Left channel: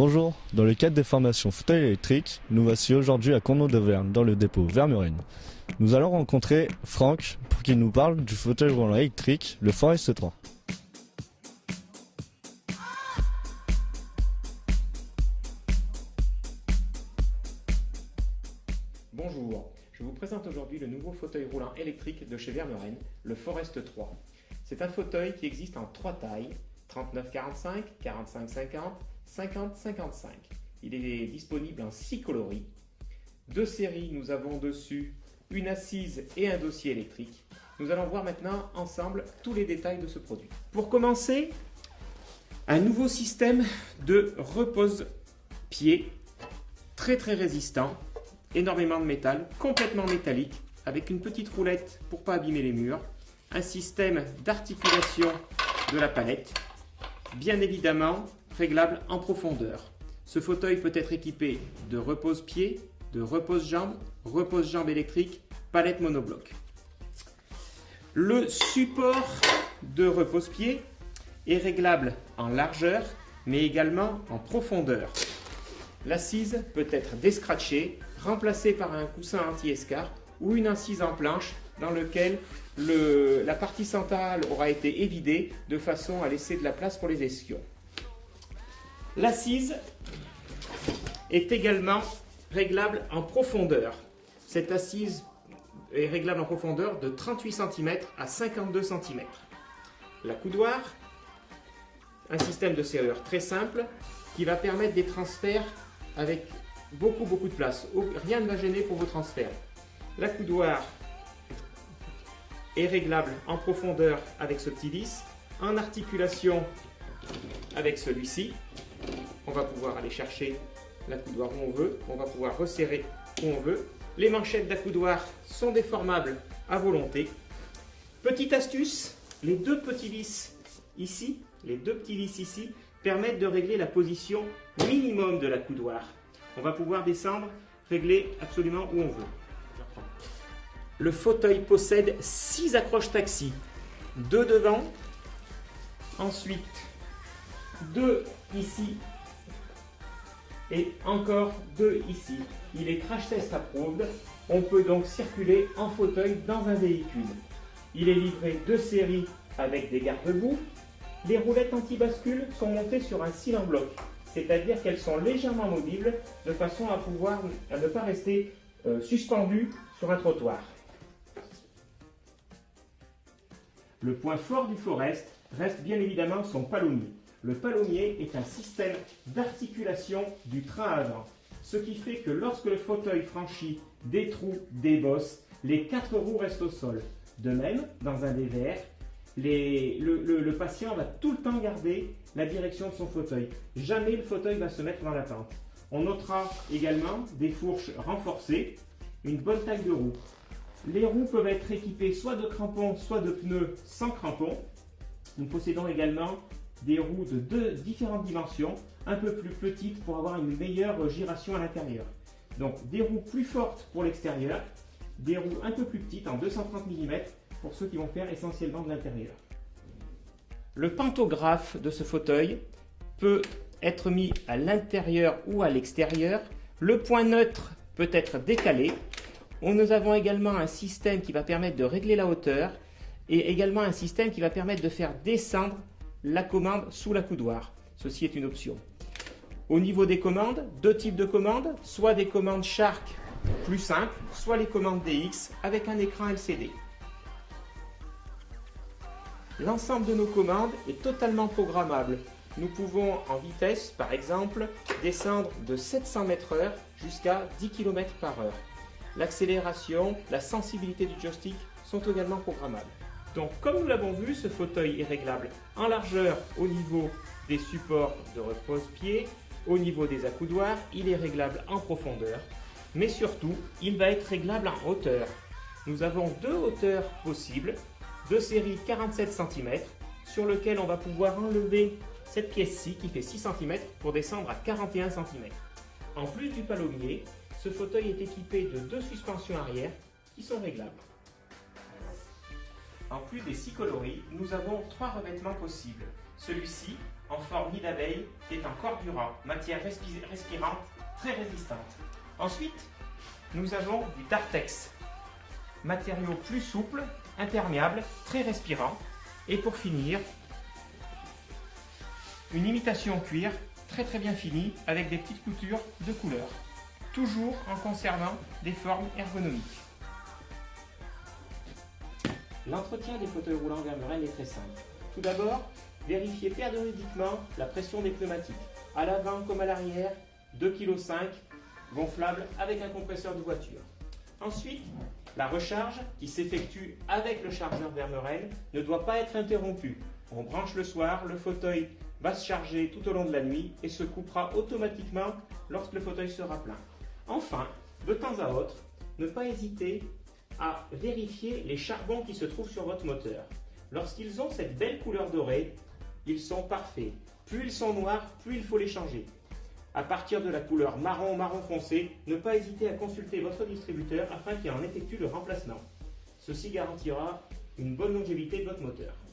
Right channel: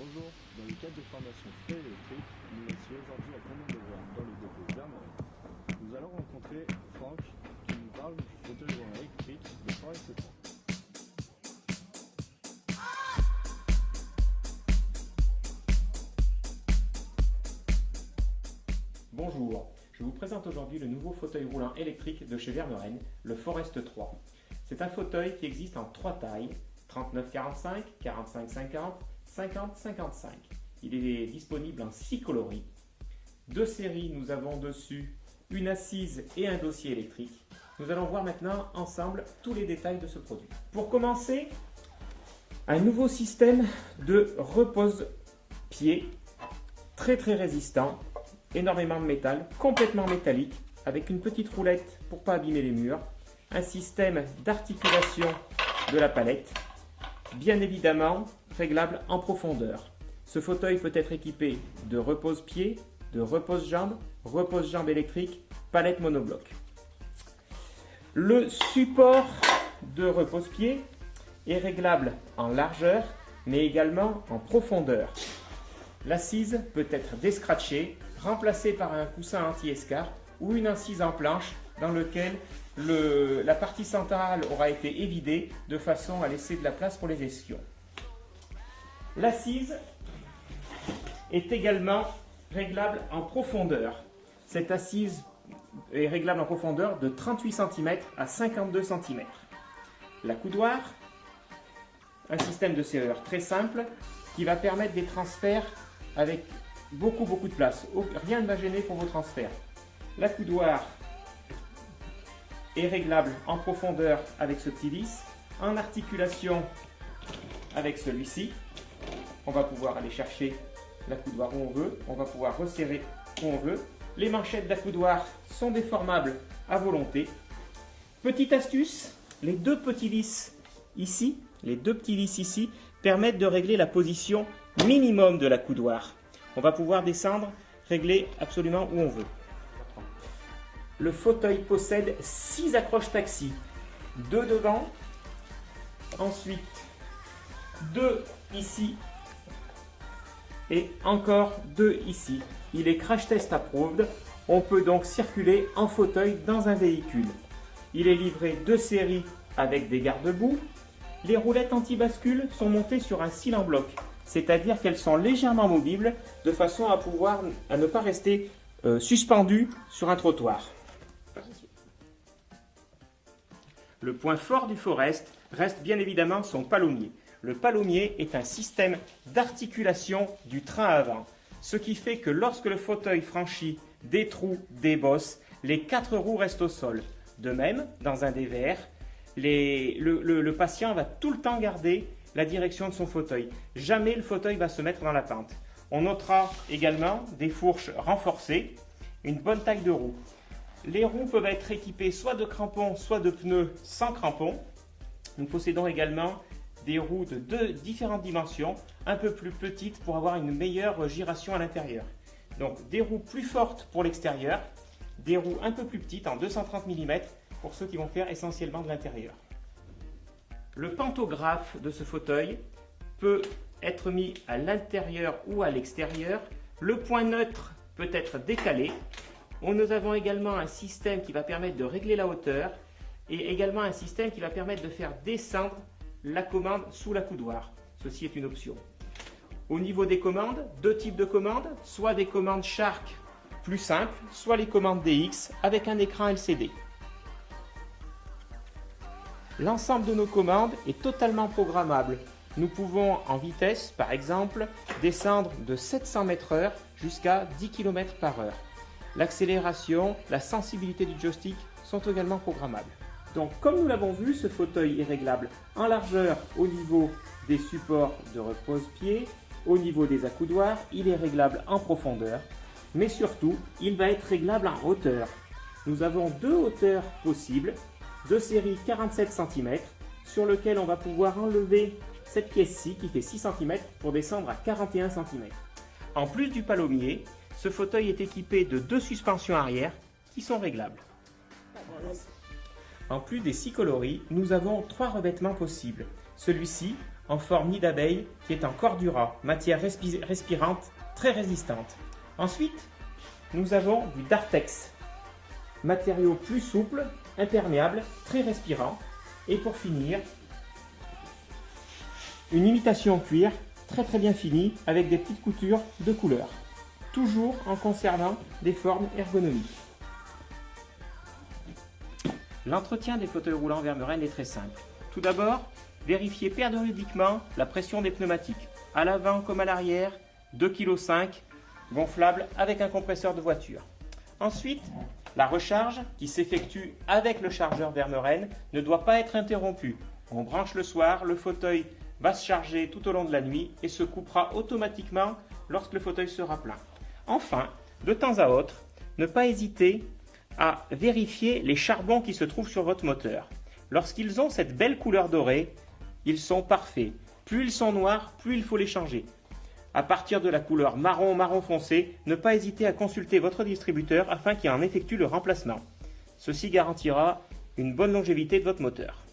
Bonjour, dans le cadre des formations fauteuil électrique, nous voici aujourd'hui à Cournot d'Auvergne, dans le dépôt Vermurine. Nous allons rencontrer Franck pour qu'il nous parle du fauteuil roulant électrique, le Forest 3. Bonjour, je vous présente aujourd'hui le nouveau fauteuil roulant électrique de chez Vermurine, le Forest 3. C'est un fauteuil qui existe en 3 tailles, 39-45, 45-50, 50-55. Il est disponible en 6 coloris. 2 séries, nous avons dessus une assise et un dossier électrique. Nous allons voir maintenant ensemble tous les détails de ce produit. Pour commencer, un nouveau système de repose-pied très résistant, énormément de métal, complètement métallique, avec une petite roulette pour ne pas abîmer les murs, un système d'articulation de la palette, bien évidemment réglable en profondeur. Ce fauteuil peut être équipé de repose-pied, de repose-jambes électrique, palette monobloc. Le support de repose-pied est réglable en largeur, mais également en profondeur. L'assise peut être descratchée, remplacée par un coussin anti-escarpe ou une assise en planche dans lequel la partie centrale aura été évidée de façon à laisser de la place pour les escions. L'assise est également réglable en profondeur. Cette assise est réglable en profondeur de 38 cm à 52 cm. La coudoir, un système de serrure très simple qui va permettre des transferts avec beaucoup de place. Rien ne va gêner pour vos transferts. La coudoir est réglable en profondeur avec ce petit vis, en articulation avec celui-ci. On va pouvoir aller chercher la coudoir où on veut, on va pouvoir resserrer où on veut. Les manchettes de la coudoir sont déformables à volonté. Petite astuce, les deux petits vis ici, permettent de régler la position minimum de la coudoir. On va pouvoir descendre, régler absolument où on veut. Le fauteuil possède 6 accroches taxi, 2 devant, ensuite 2 ici et encore 2 ici. Il est crash test approved. On peut donc circuler en fauteuil dans un véhicule. Il est livré de série avec des garde-boue. Les roulettes anti-bascule sont montées sur un cil en bloc, c'est-à-dire qu'elles sont légèrement movibles de façon à ne pas rester suspendues sur un trottoir. Le point fort du Forest reste bien évidemment son palommier. Le palommier est un système d'articulation du train avant, ce qui fait que lorsque le fauteuil franchit des trous, des bosses, les 4 roues restent au sol. De même, dans un DVR, le patient va tout le temps garder la direction de son fauteuil. Jamais le fauteuil va se mettre dans la pente. On notera également des fourches renforcées, une bonne taille de roue. Les roues peuvent être équipées soit de crampons, soit de pneus sans crampons. Nous possédons également des roues de différentes dimensions, un peu plus petites pour avoir une meilleure giration à l'intérieur. Donc des roues plus fortes pour l'extérieur, des roues un peu plus petites en 230 mm pour ceux qui vont faire essentiellement de l'intérieur. Le pantographe de ce fauteuil peut être mis à l'intérieur ou à l'extérieur. Le point neutre peut être décalé. Nous avons également un système qui va permettre de régler la hauteur et également un système qui va permettre de faire descendre la commande sous la coudoir. Ceci est une option. Au niveau des commandes, 2 types de commandes, soit des commandes Shark plus simples, soit les commandes DX avec un écran LCD. L'ensemble de nos commandes est totalement programmable. Nous pouvons en vitesse, par exemple, descendre de 700 m/h jusqu'à 10 km/h. L'accélération, la sensibilité du joystick sont également programmables. Donc, comme nous l'avons vu, ce fauteuil est réglable en largeur au niveau des supports de repose-pied, au niveau des accoudoirs, il est réglable en profondeur, mais surtout, il va être réglable en hauteur. Nous avons 2 hauteurs possibles, de série 47 cm, sur lequel on va pouvoir enlever cette pièce-ci qui fait 6 cm pour descendre à 41 cm. En plus du palommier, ce fauteuil est équipé de 2 suspensions arrière qui sont réglables. En plus des 6 coloris, nous avons 3 revêtements possibles. Celui-ci en forme nid d'abeille qui est en cordura, matière respirante très résistante. Ensuite, nous avons du Dartex, matériau plus souple, imperméable, très respirant. Et pour finir, une imitation cuir très bien finie avec des petites coutures de couleur, toujours en conservant des formes ergonomiques. L'entretien des fauteuils roulants Vermeuren est très simple. Tout d'abord, vérifiez périodiquement la pression des pneumatiques, à l'avant comme à l'arrière, 2,5 kg, gonflable avec un compresseur de voiture. Ensuite, la recharge qui s'effectue avec le chargeur Vermeuren ne doit pas être interrompue. On branche le soir, le fauteuil va se charger tout au long de la nuit et se coupera automatiquement lorsque le fauteuil sera plein. Enfin, de temps à autre, ne pas hésiter à vérifier les charbons qui se trouvent sur votre moteur. Lorsqu'ils ont cette belle couleur dorée, ils sont parfaits. Plus ils sont noirs, plus il faut les changer. À partir de la couleur marron, marron foncé, ne pas hésiter à consulter votre distributeur afin qu'il en effectue le remplacement. Ceci garantira une bonne longévité de votre moteur.